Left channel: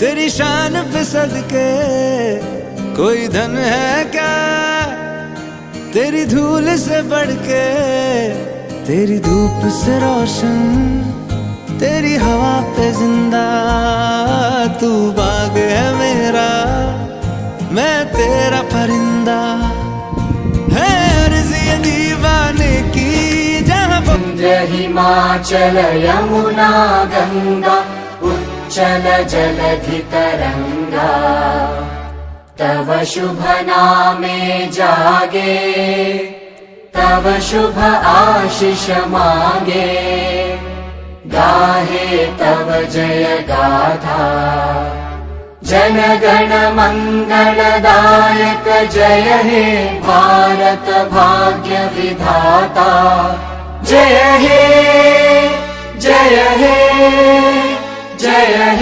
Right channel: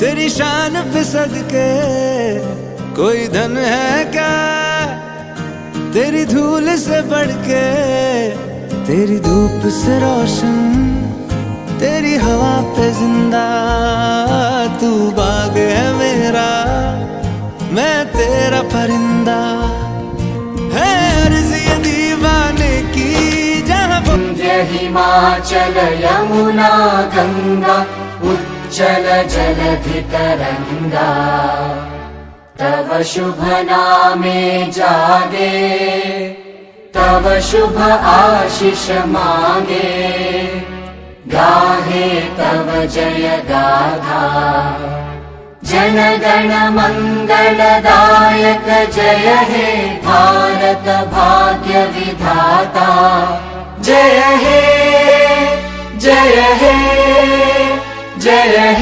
तेरी शान पे सदके कोई धन है क्या, तेरी धूल से बढ़ के, तेरी धूप से रोशन, तेरी हवा पे जिंदा। तू बाग है मेरा, मैं तेरा परिंदा। है अर्ज़ ये दीवाने की जहाँ हिमाचल यमुना गंगा उच्चल जलधि तरंगा, तव शुभ नामे जागे, तव शुभ आशीष मांगे, गाहे तव जय गाथा। जन गण मंगलदायक जय हे भारत भाग्य विधाता। जय हे जय हे जय हे।